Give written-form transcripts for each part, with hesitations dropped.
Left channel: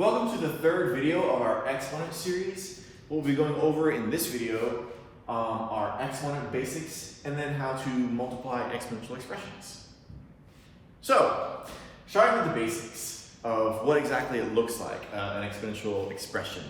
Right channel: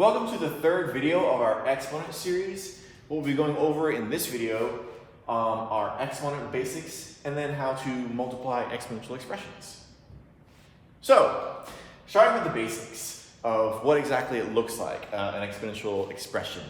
Welcome to the third video of our Exponent series. What we'll be going over in this video are exponent basics and then how to multiply exponential expressions. So, starting with the basics of what exactly it looks like, an exponential expression.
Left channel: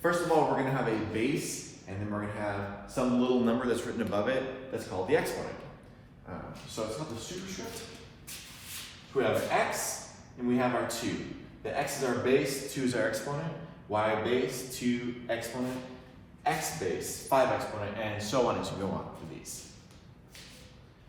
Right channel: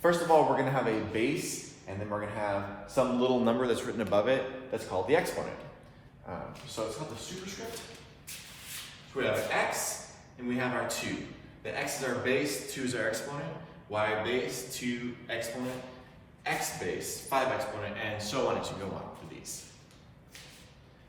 First of all, we're going to have a base, and then we're going to have some little number that's written above it that's called the exponent. So it's called the superscript. So we have x, and we have our 2. The x is our base, 2 is our exponent, y base, 2 exponent, x base, 5 exponent, and so on as you go on for these.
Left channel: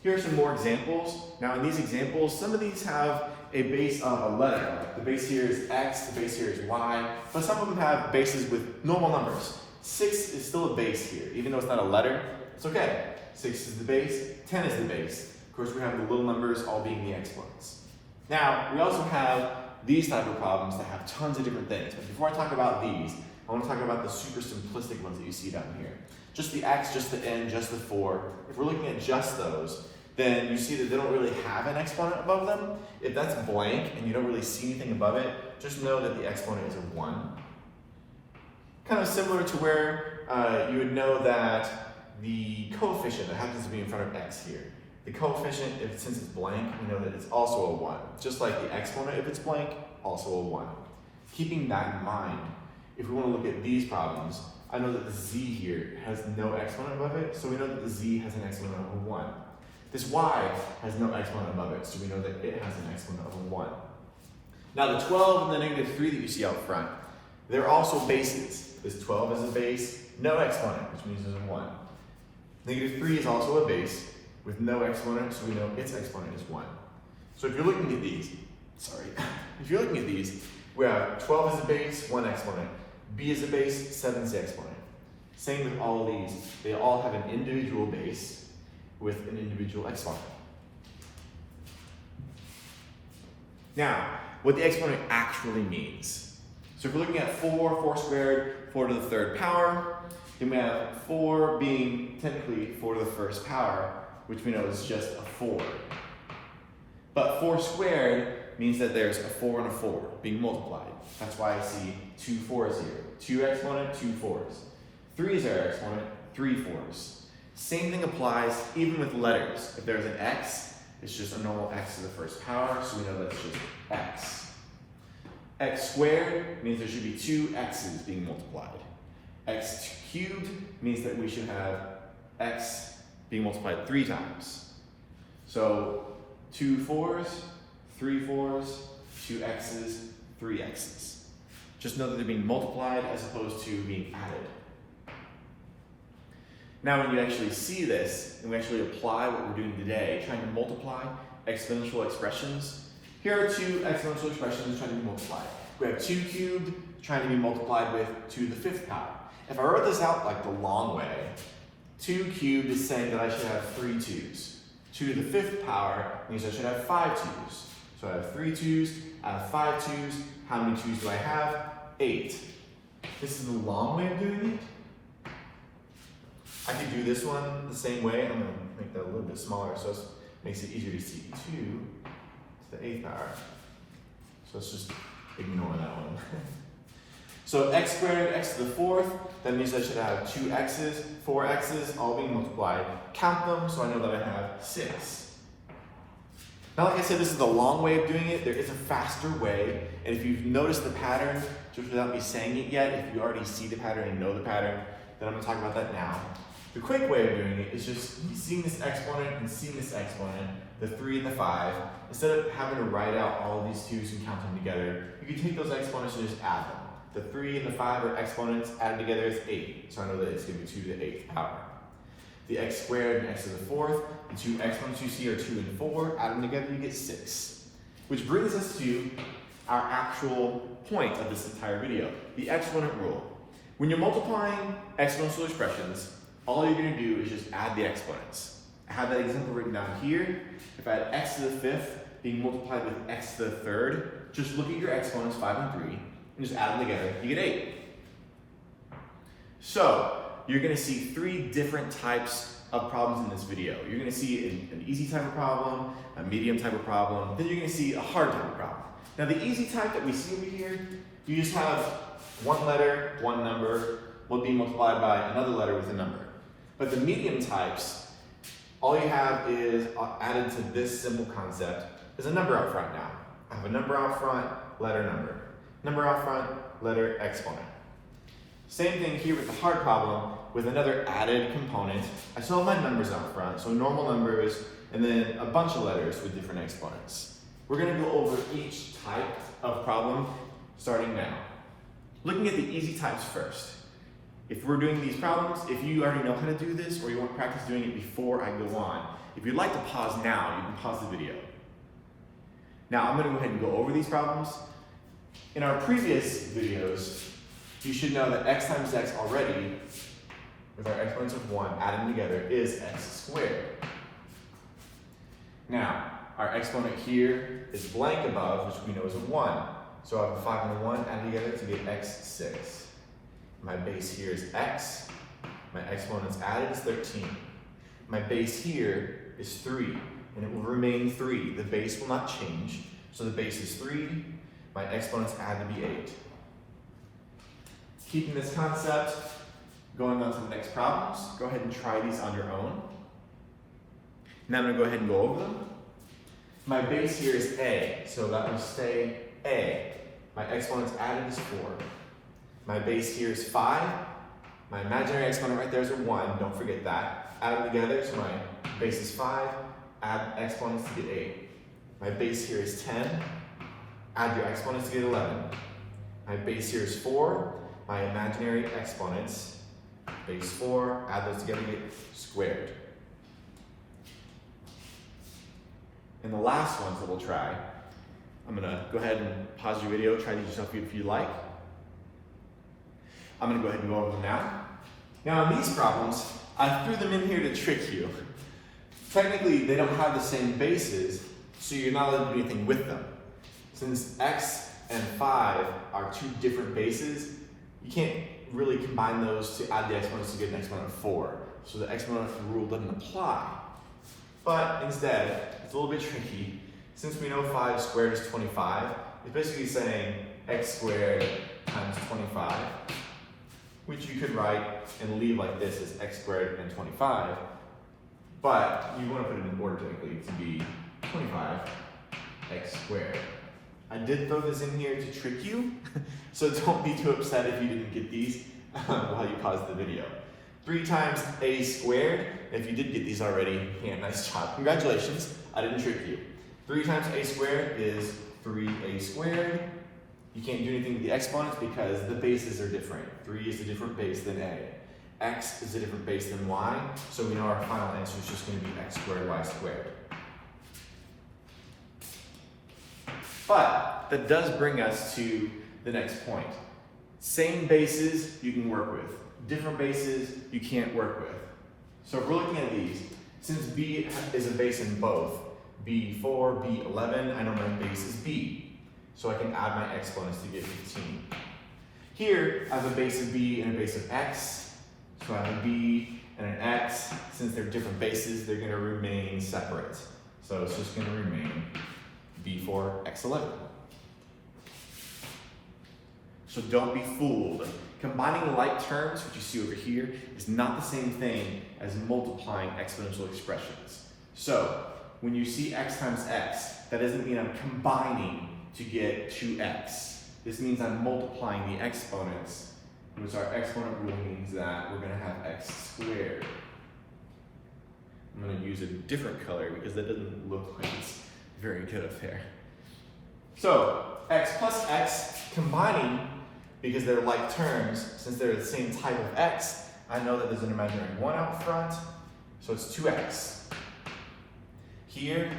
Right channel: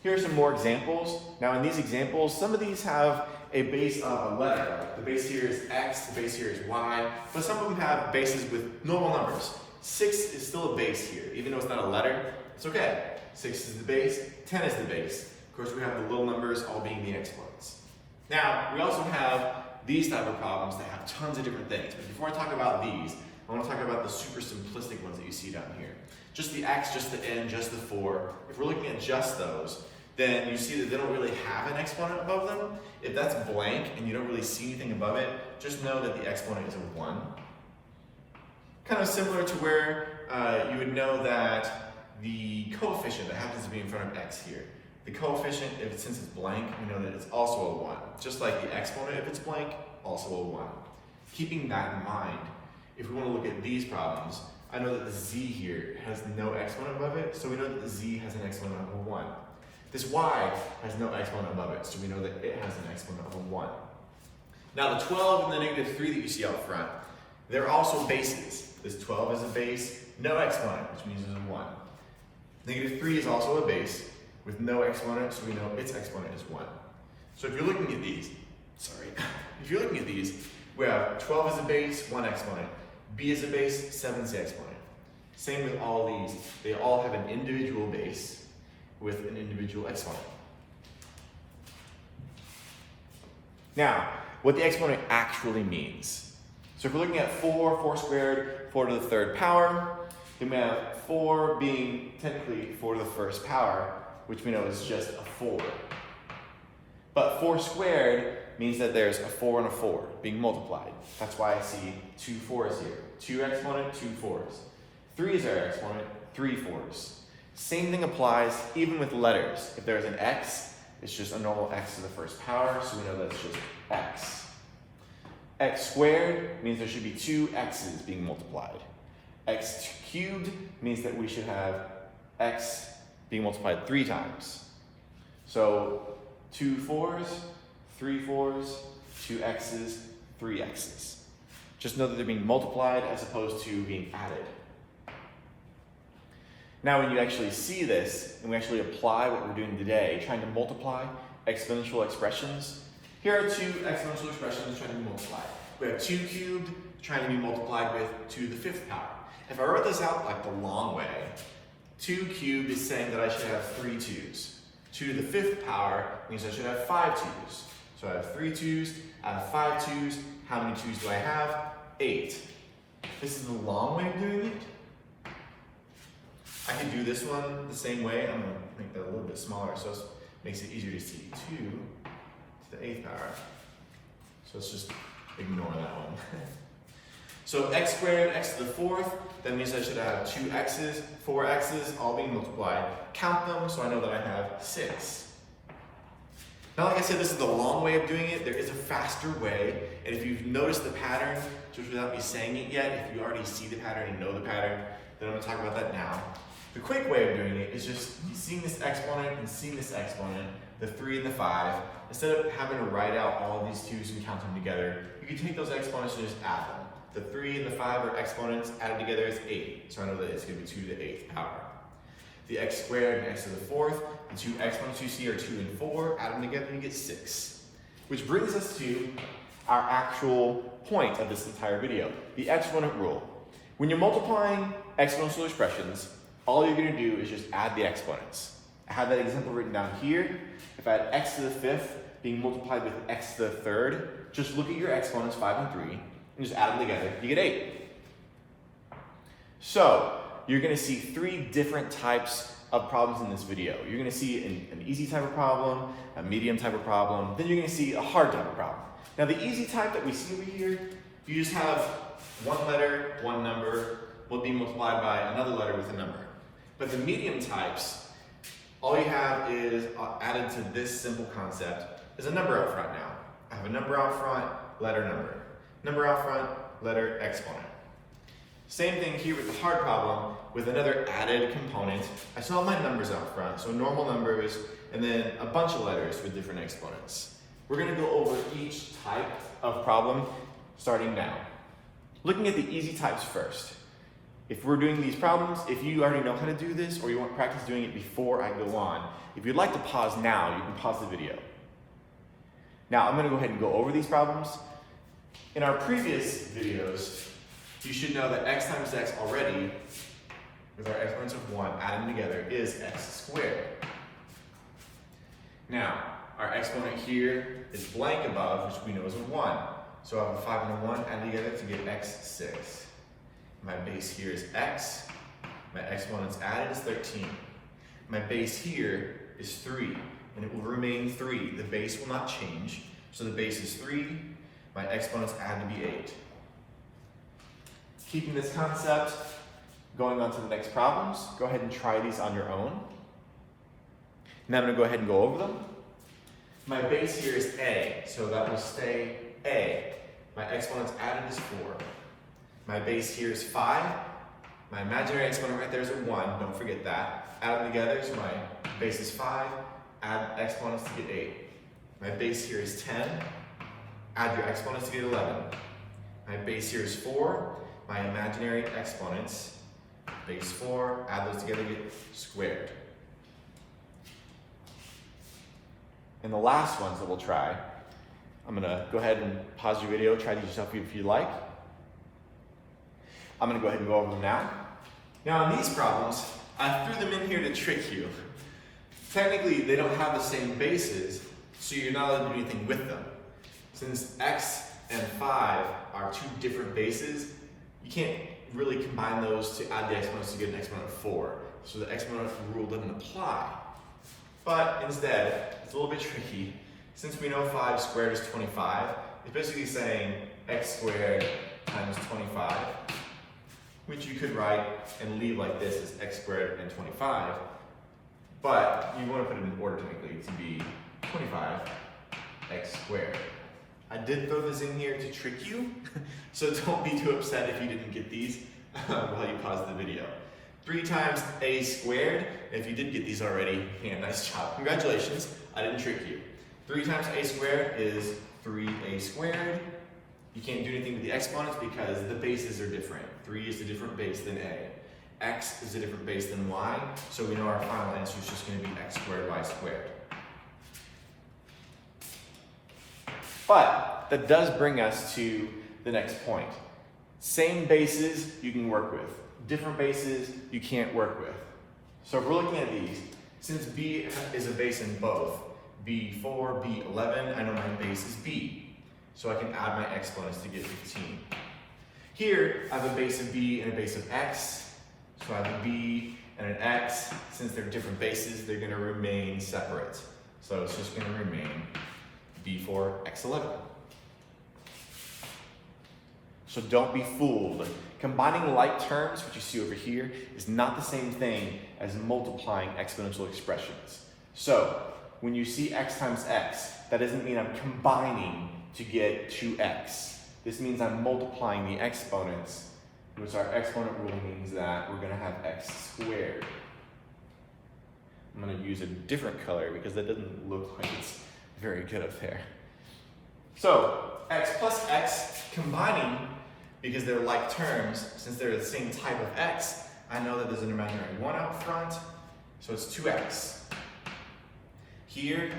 Here are some more examples. Now in these examples, some of these have a base of a letter. Like the base here is x, the base here is y, but some of them have bases with normal numbers. 6 is still a base here, even though it's not a letter, it's okay. 6 is the base, 10 is the base. Of course, we have the little numbers all being the exponents. Now, we also have these type of problems that have tons of different things. But before I talk about these, I want to talk about the super simplistic ones that you see down here. Just the x, just the n, just the 4. If we're looking at just those, then you see that they don't really have an exponent above them. If that's blank and you don't really see anything above it, just know that the exponent is a 1. Kind of similar to where you would know that the coefficient that happens to be in front of x here. The coefficient, since it's blank, we know that it's also a 1. Just like the exponent, if it's blank, also a 1. Keeping that in mind, if we want to look at these problems, I know that the z here has no exponent above it, so we know that the z has an exponent of a 1. This y has no exponent above it, so we know that it has an exponent of a 1. Now the 12 and the negative 3 that you see out front, they're also bases. This 12 is a base, no exponent, which means it's a 1. Negative 3 is also a base with no exponent, so we know its exponent is 1. So if you're looking at these, we have 12 is a base, 1 exponent. B is a base, 7 is the exponent. Same with all of these. They all have an individual base with an individual exponent. Now, what the exponent actually means. So if we're looking at 4 squared, 4 to the third power, then we have 4 being technically 4 to the first power, which we know is just a 4. But 4 squared means that there's a 4 and a 4 being multiplied. That's why I see 2 4s here. 2 exponent, 2 4s. 3 is our exponent, 3 4s. Same thing applies even with letters. If there's an x, it's just a normal x to the first power, so we know that it's just x. X squared means there should be 2 x's being multiplied. X cubed means that we should have x being multiplied 3 times. So 2 4s, 3 4s, 2 x's, 3 x's. Just know that they're being multiplied as opposed to being added. Now when you actually see this, and we actually apply what we're doing today, trying to multiply exponential expressions, here are 2 exponential expressions trying to be multiplied. We have 2 cubed trying to be multiplied with 2 to the 5th power. If I wrote this out like the long way, 2 cubed is saying that I should have 3 2's. 2 to the 5th power means I should have 5 2's. So I have 3 2's, I have 5 2's. How many 2's do I have? 8. This is the long way of doing it. I could do this one the same way. I'm going to make that a little bit smaller so it makes it easier to see. 2 to the 8th power. So let's just ignore that one. So x squared, x to the 4th, that means I should have 2 x's, 4 x's, all being multiplied. Count them so I know that I have 6. Now, like I said, this is the long way of doing it. There is a faster way, and if you've noticed the pattern, just without me saying it yet, if you already see the pattern and know the pattern, then I'm going to talk about that now. The quick way of doing it is just seeing this exponent and seeing this exponent, the 3 and the 5. Instead of having to write out all of these 2's and count them together, you can take those exponents and just add them. The 3 and the 5 are exponents, added together is 8. So I know that it's going to be 2 to the 8th power. The x squared and x to the 4th, the 2 exponents you see are 2 and 4. Add them together, you get 6. Which brings us to our actual point of this entire video, the exponent rule. When you're multiplying exponential expressions, all you're going to do is just add the exponents. I have that example written down here. If I had x to the 5th being multiplied with x to the 3rd, just look at your exponents, 5 and 3, and just add them together, you get 8. So, you're going to see 3 different types of problems in this video. You're going to see an easy type of problem, a medium type of problem, then you're going to see a hard type of problem. Now the easy type that we see over here, you just have one letter, one number, will be multiplied by another letter with a number. But the medium types, all you have is added to this simple concept is a number out front now. I have a number out front, letter number. Number out front, letter exponent. Same thing here with the hard problem with another added component. I still have my numbers out front, so normal numbers, and then a bunch of letters with different exponents. We're gonna go over each type of problem starting now. Looking at the easy types first. If we're doing these problems, if you already know how to do this or you want to practice doing it before I go on, if you'd like to pause now, you can pause the video. Now I'm going to go ahead and go over these problems. In our previous videos, you should know that x times x already, with our exponents of 1 added together, is x squared. Now, our exponent here is blank above, which we know is a 1. So I have a 5 and a 1 added together to get x6. My base here is x. My exponents added is 13. My base here is 3, and it will remain 3. The base will not change. So the base is 3. My exponents added to be 8. Keeping this concept, going on to the next problems, go ahead and try these on your own. And I'm going to go ahead and go over them. My base here is a, so that will stay a. My exponents added is 4. My base here is 5. My imaginary exponent right there is a 1. Don't forget that. Add them together, so my base is 5. Add exponents to get 8. My base here is 10. Add your exponents to get 11. My base here is 4. My imaginary exponents, base 4. Add those together to get squared. And the last ones that we'll try, I'm going to go ahead and pause your video, try these yourself if you like. I'm going to go ahead and go over them now. Now in these problems, I threw them in here to trick you. Technically, they don't have the same bases, so you're not allowed to do anything with them. Since x and 5 are two different bases, you can't really combine those to add the exponents to get an exponent of 4. So the exponent rule doesn't apply. But instead, it's a little bit tricky. Since we know 5 squared is 25, it's basically saying x squared times 25, which you could write and leave like this as x squared and 25. But you want to put it in order technically to be 25 x squared. I did throw this in here to trick you, so don't be too upset if you didn't get these while you pause the video. 3 times a squared, if you did get these already, yeah, nice job. Congratulations, I didn't trick you. 3 times a squared is 3a squared. You can't do anything with the exponents because the bases are different. 3 is a different base than a. X is a different base than y, so we know our final answer is just going to be x squared y squared. But that does bring us to the next point. Same bases you can work with. Different bases you can't work with. So if we're looking at these, since b is a base in both, b4, b11, I know my base is b. So I can add my exponents to get 15. Here, I have a base of b and a base of x. So I have a b and an x. Since they're different bases, they're going to remain separate. So it's just going to remain b4, x11. So don't be fooled. Combining like terms, which you see over here, is not the same thing as multiplying exponential expressions. So when you see x times x, that doesn't mean I'm combining to get 2x. This means I'm multiplying the exponents, which our exponent rule means that we're going to have x squared. I'm going to use a different color because that doesn't look like it's very good up there. So x plus x combining, because they're like terms, since they're the same type of x, I know that there's an imaginary 1 out front, so it's 2x. Here,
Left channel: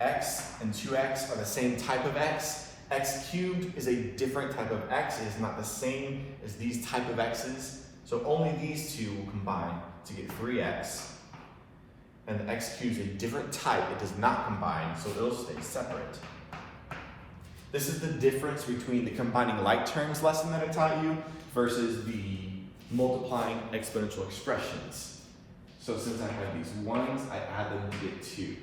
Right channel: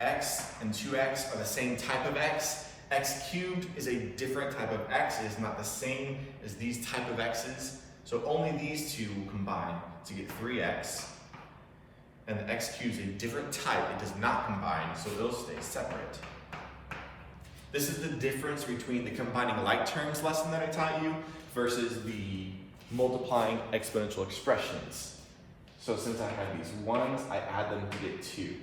x and 2x are the same type of x. X cubed is a different type of x. It is not the same as these type of x's. So only these two will combine to get 3x. And the x cubed is a different type. It does not combine, so it'll stay separate. This is the difference between the combining like terms lesson that I taught you versus the multiplying exponential expressions. So since I have these 1s, I add them to get 2.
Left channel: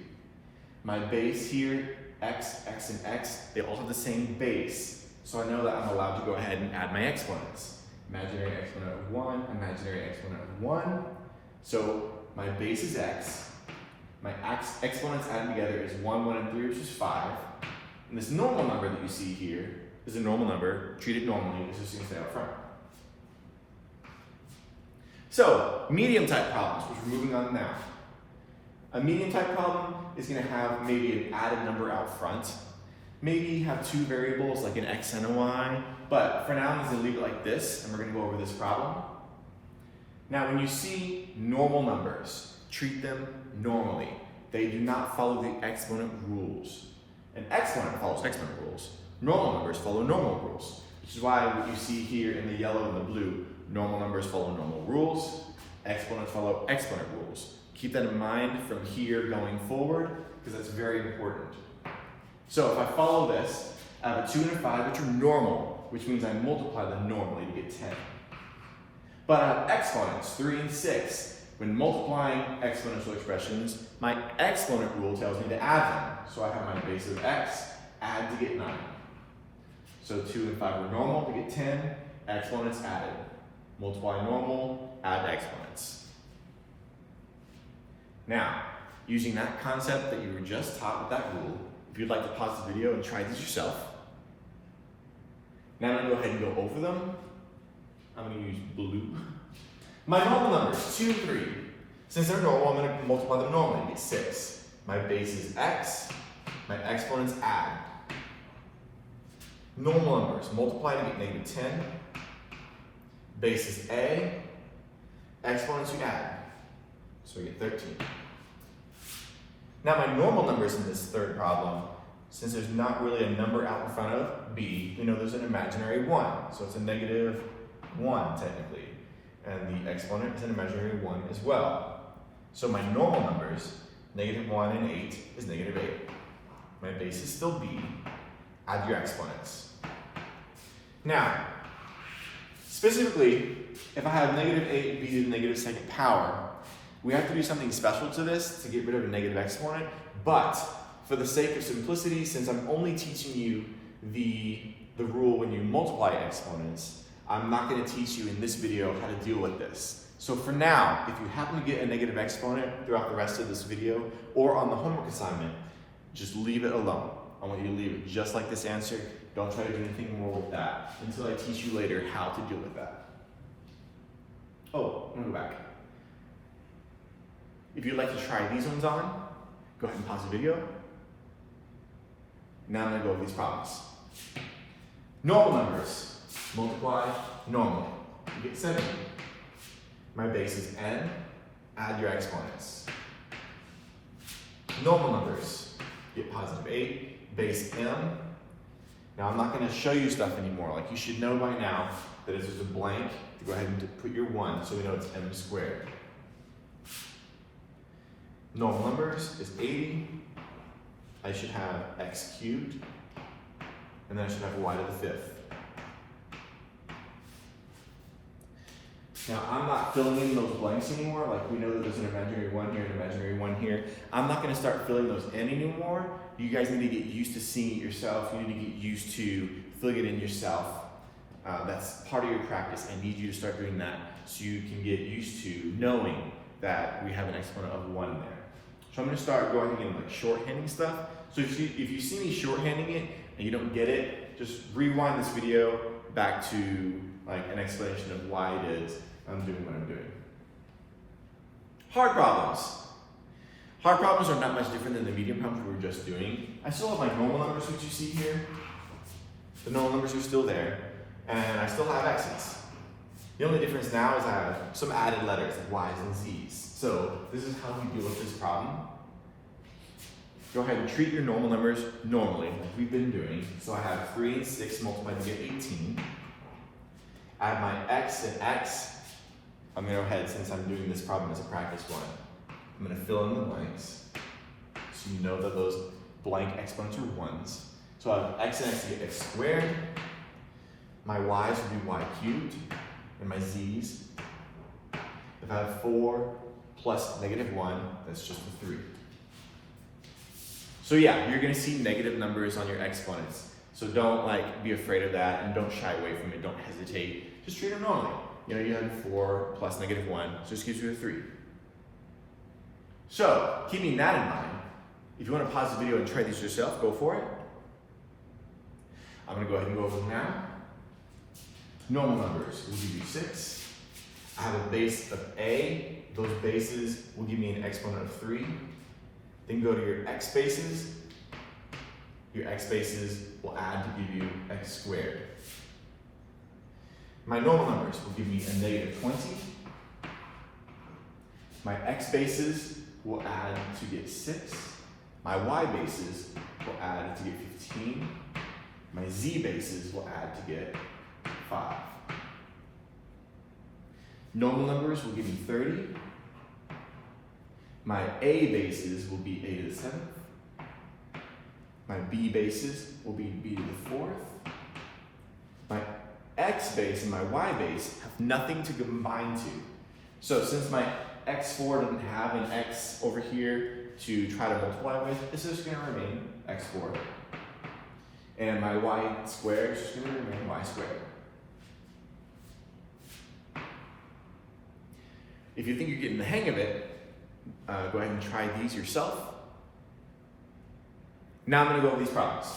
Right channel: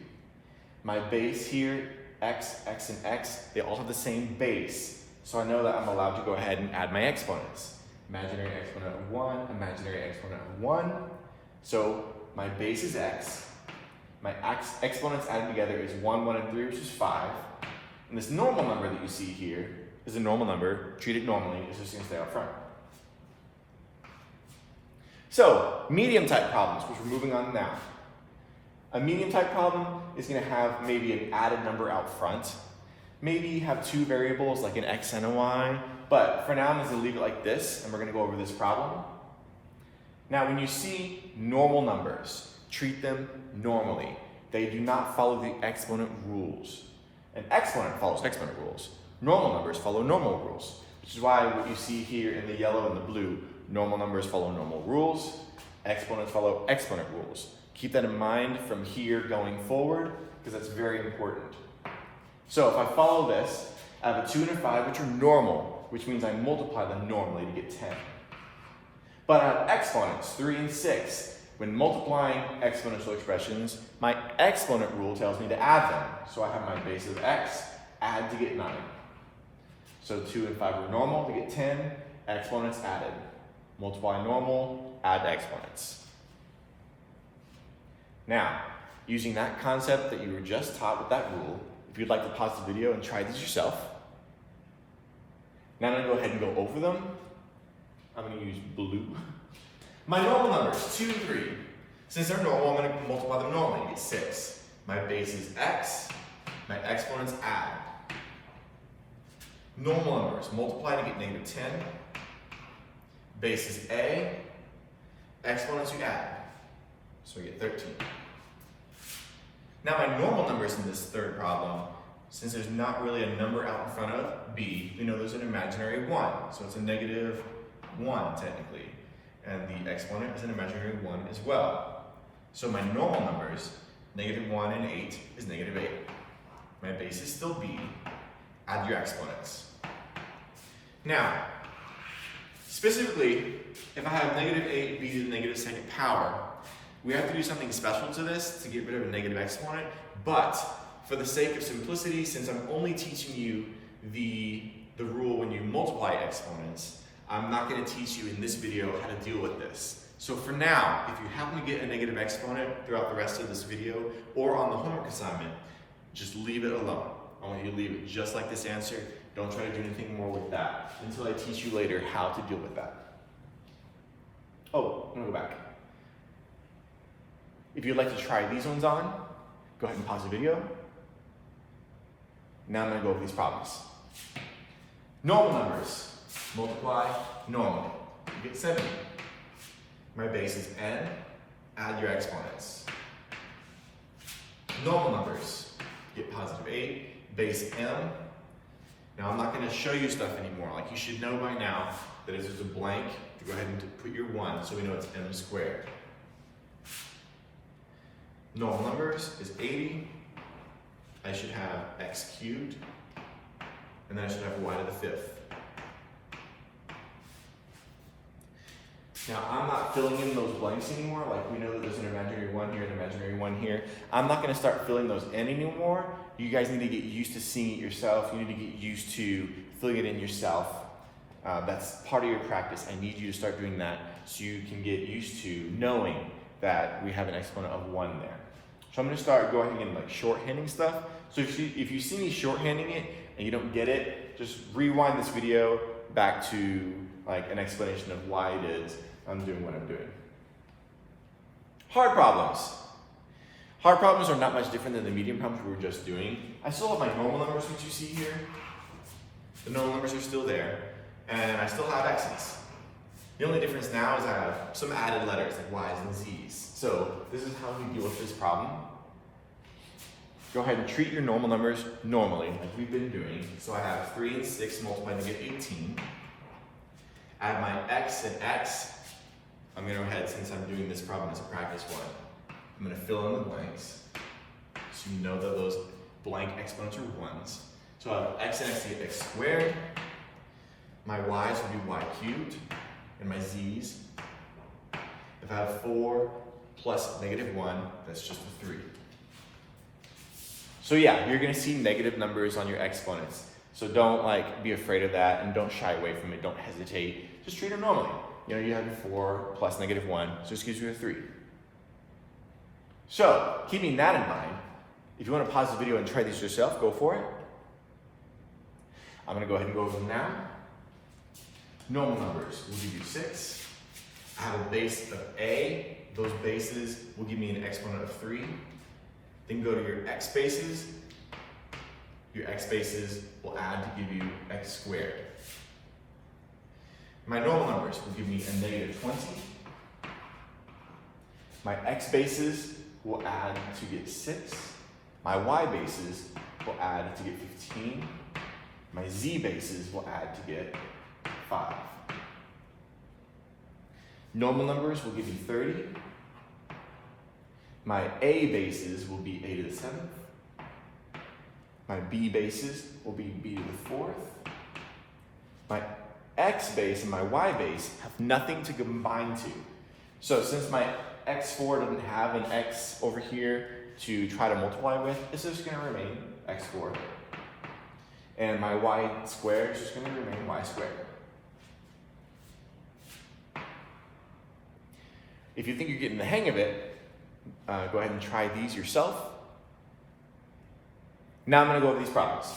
My base here X, X, and X, they all have the same base. So I know that I'm allowed to go ahead and add my exponents. Imaginary exponent of 1, imaginary exponent of 1. So my base is X. My exponents added together is 1, 1, and 3, which is 5. And this normal number that you see here is a normal number. Treat it normally. It's just going to stay up front. So, medium type problems, which we're moving on now. A medium type problem is going to have maybe an added number out front. Maybe have two variables like an x and a y. But for now, I'm just going to leave it like this, and we're going to go over this problem. Now, when you see normal numbers, treat them normally. They do not follow the exponent rules. An exponent follows exponent rules. Normal numbers follow normal rules, which is why what you see here in the yellow and the blue, normal numbers follow normal rules, exponents follow exponent rules. Keep that in mind from here going forward, because that's very important. So if I follow this, I have a 2 and a 5, which are normal, which means I multiply them normally to get 10. But I have exponents, 3 and 6. When multiplying exponential expressions, my exponent rule tells me to add them. So I have my base of x, add to get 9. So 2 and 5 are normal to get 10, exponents added. Multiply normal, add exponents. Now, using that concept that you were just taught with that rule, if you'd like to pause the video and try these yourself, now I'm going to go ahead and go over them. I'm going to use blue. My normal numbers, 2 and 3. Since they're normal, I'm going to multiply them normally to get 6. My base is x, my exponents add. Normal numbers, multiply to get negative 10. Base is a, exponents we add. So we get 13. Now my normal numbers in this third problem, since there's not really a number out in front of b, we know there's an imaginary 1. So it's a negative 1 technically. And the exponent is an imaginary 1 as well. So my normal numbers, negative 1 and 8, is negative 8. My base is still b. Add your exponents. Now, specifically, if I have negative 8b to the negative second power, we have to do something special to this to get rid of a negative exponent. But for the sake of simplicity, since I'm only teaching you the rule when you multiply exponents, I'm not going to teach you in this video how to deal with this. So for now, if you happen to get a negative exponent throughout the rest of this video or on the homework assignment, just leave it alone. I want you to leave it just like this answer. Don't try to do anything more with that until I teach you later how to deal with that. Oh, I'm going to go back. If you'd like to try these ones on, go ahead and pause the video. Now I'm going to go over these problems. Normal numbers. Multiply normally. You get 7. My base is n. Add your exponents. Normal numbers. Get positive 8. Base m. Now I'm not going to show you stuff anymore. Like you should know by now that if there's a blank, to go ahead and put your 1 so we know it's m squared. Normal numbers is 80. I should have x cubed. And then I should have y to the 5th. Now, I'm not filling in those blanks anymore. Like, we know that there's an imaginary 1 here, an imaginary 1 here. I'm not going to start filling those in anymore. You guys need to get used to seeing it yourself. You need to get used to filling it in yourself. That's part of your practice. I need you to start doing that so you can get used to knowing that we have an exponent of 1 there. So I'm going to start going and like shorthanding stuff. So if you see me shorthanding it and you don't get it, just rewind this video back to like an explanation of why it is I'm doing what I'm doing. Hard problems. Hard problems are not much different than the medium problems we were just doing. I still have my normal numbers, which you see here. The normal numbers are still there, and I still have x's. The only difference now is I have some added letters like y's and z's. So this is how we deal with this problem. Go ahead and treat your normal numbers normally, like we've been doing. So I have 3 and 6 multiplied to get 18. Add my x and x. I'm going to go ahead, since I'm doing this problem as a practice one, I'm going to fill in the blanks so you know that those blank exponents are 1s. So I have x and x to get x squared. My y's would be y cubed, and my z's. If I have 4 plus negative 1, that's just a 3. So yeah, you're gonna see negative numbers on your exponents. So don't be afraid of that and don't shy away from it, don't hesitate. Just treat it normally. You had 4 plus -1, so this gives you a 3. So, keeping that in mind, if you want to pause the video and try these yourself, go for it. I'm going to go ahead and go over them now. Normal numbers will give you 6. I have a base of a. Those bases will give me an exponent of 3. Then go to your x bases. Your x bases will add to give you x squared. My normal numbers will give me a -20. My x bases will add to get 6. My y bases will add to get 15. My z bases will add to get 5. Normal numbers will give me 30. My a bases will be a to the 7th. My b bases will be b to the 4th. My x base and my y base have nothing to combine to. So since my x4 doesn't have an x over here to try to multiply with, it's just going to remain x4. And my y squared is just going to remain y squared. If you think you're getting the hang of it, go ahead and try these yourself. Now I'm going to go over these problems.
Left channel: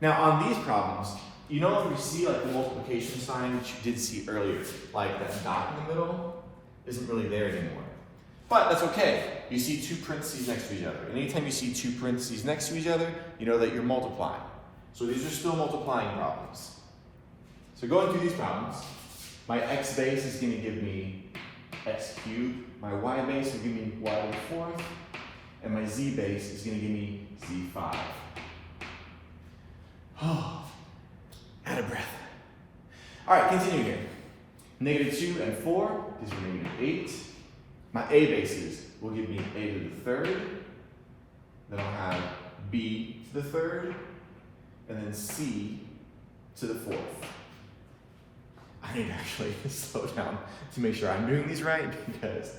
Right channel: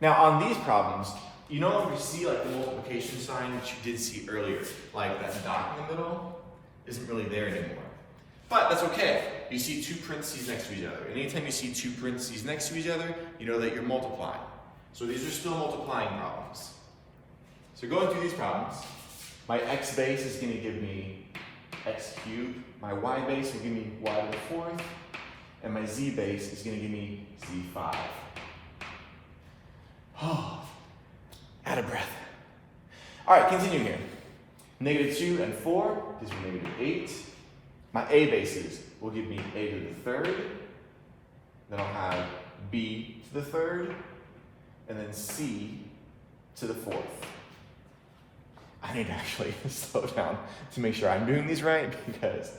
Now on these problems, you no longer see the multiplication sign which you did see earlier, that dot in the middle isn't really there anymore. But that's okay. You see 2 parentheses next to each other. And anytime you see 2 parentheses next to each other, you know that you're multiplying. So these are still multiplying problems. So going through these problems, my x base is going to give me x cubed. My y base will give me y to the 4th. And my z base is going to give me z5. Oh, out of breath. All right, continue here. -2 and 4 gives me -8. My a bases will give me a to the 3rd. Then I'll have b to the 3rd. And then c to the 4th. I need to actually slow down to make sure I'm doing these right because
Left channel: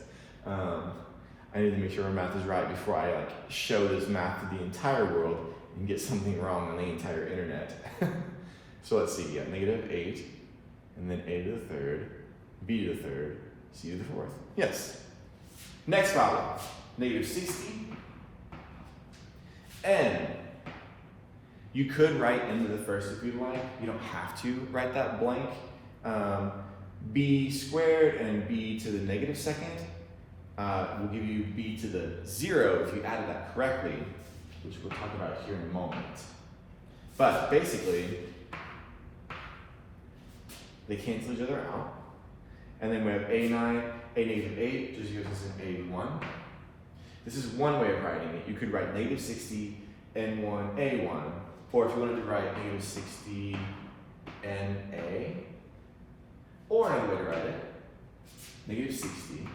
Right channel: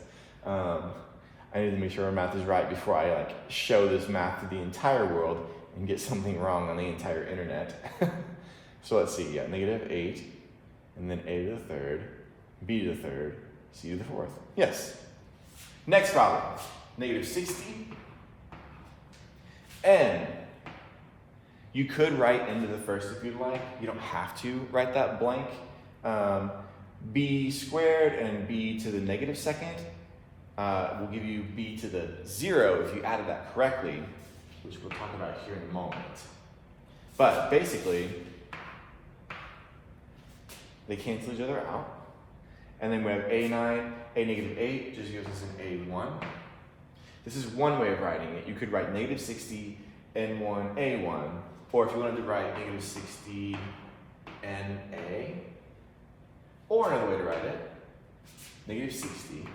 I need to make sure our math is right before I show this math to the entire world and get something wrong on the entire internet. So let's see, -8, and then a to the 3rd, b to the 3rd, c to the 4th. Yes. Next problem, -60, n. You could write n to the 1st if you'd like. You don't have to write that blank. B squared and b to the -2nd will give you b to the 0 if you added that correctly, which we'll talk about here in a moment. But basically, they cancel each other out. And then we have a9, a -8 just gives us an a1. This is one way of writing it. You could write -60, n1, a1. Or if you wanted to write -60, na. Or another way to write it, -60,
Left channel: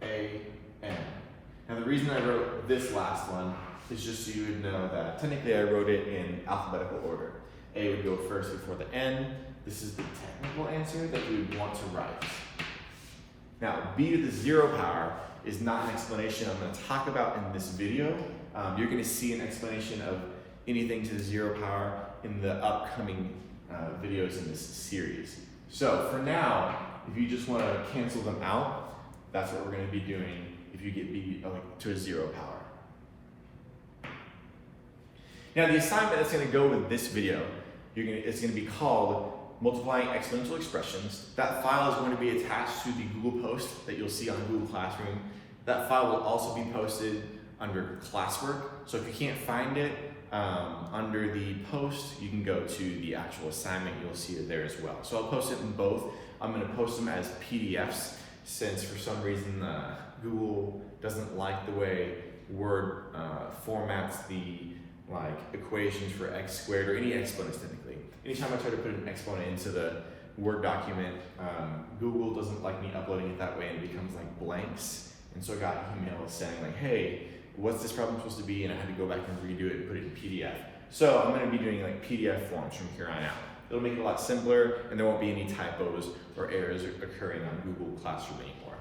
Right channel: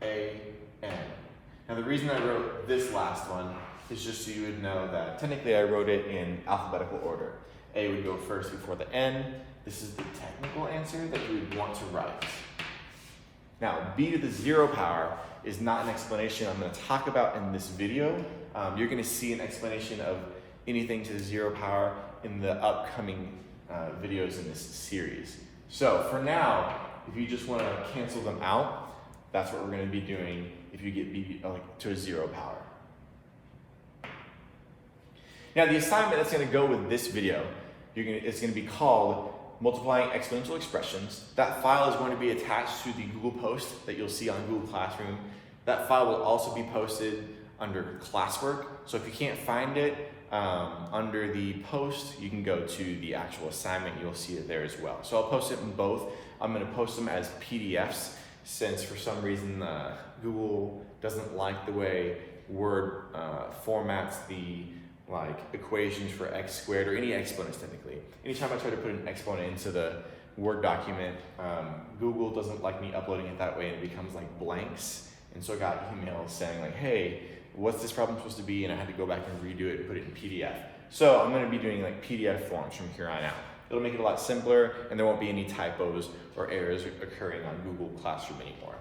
an. Now the reason I wrote this last one is just so you would know that technically I wrote it in alphabetical order. A would go first before the n. This is the technical answer that you would want to write. Now, b to the 0 power is not an explanation I'm going to talk about in this video. You're going to see an explanation of anything to the 0 power in the upcoming videos in this series. So for now, if you just want to cancel them out, that's what we're going to be doing if you get b to a 0 power. Now the assignment that's going to go with this video, it's going to be called Multiplying Exponential Expressions. That file is going to be attached to the Google post that you'll see on Google Classroom. That file will also be posted under classwork. So if you can't find it under the post, you can go to the actual assignment. You'll see it there as well. So I'll post it in both. I'm going to post them as PDFs since for some reason Google doesn't like the way Word formats the equations for x squared or any exponents typically. Anytime I try to put an exponent into the Word document, Google doesn't like me uploading it that way and it becomes blanks. And so I got emails saying hey, what's this problem supposed to be? And I had to go back and redo it and put it in PDF. So I'm going to be doing PDF forms from here on out. It'll make it a lot simpler and there won't be any typos or errors occurring on Google Classroom anymore.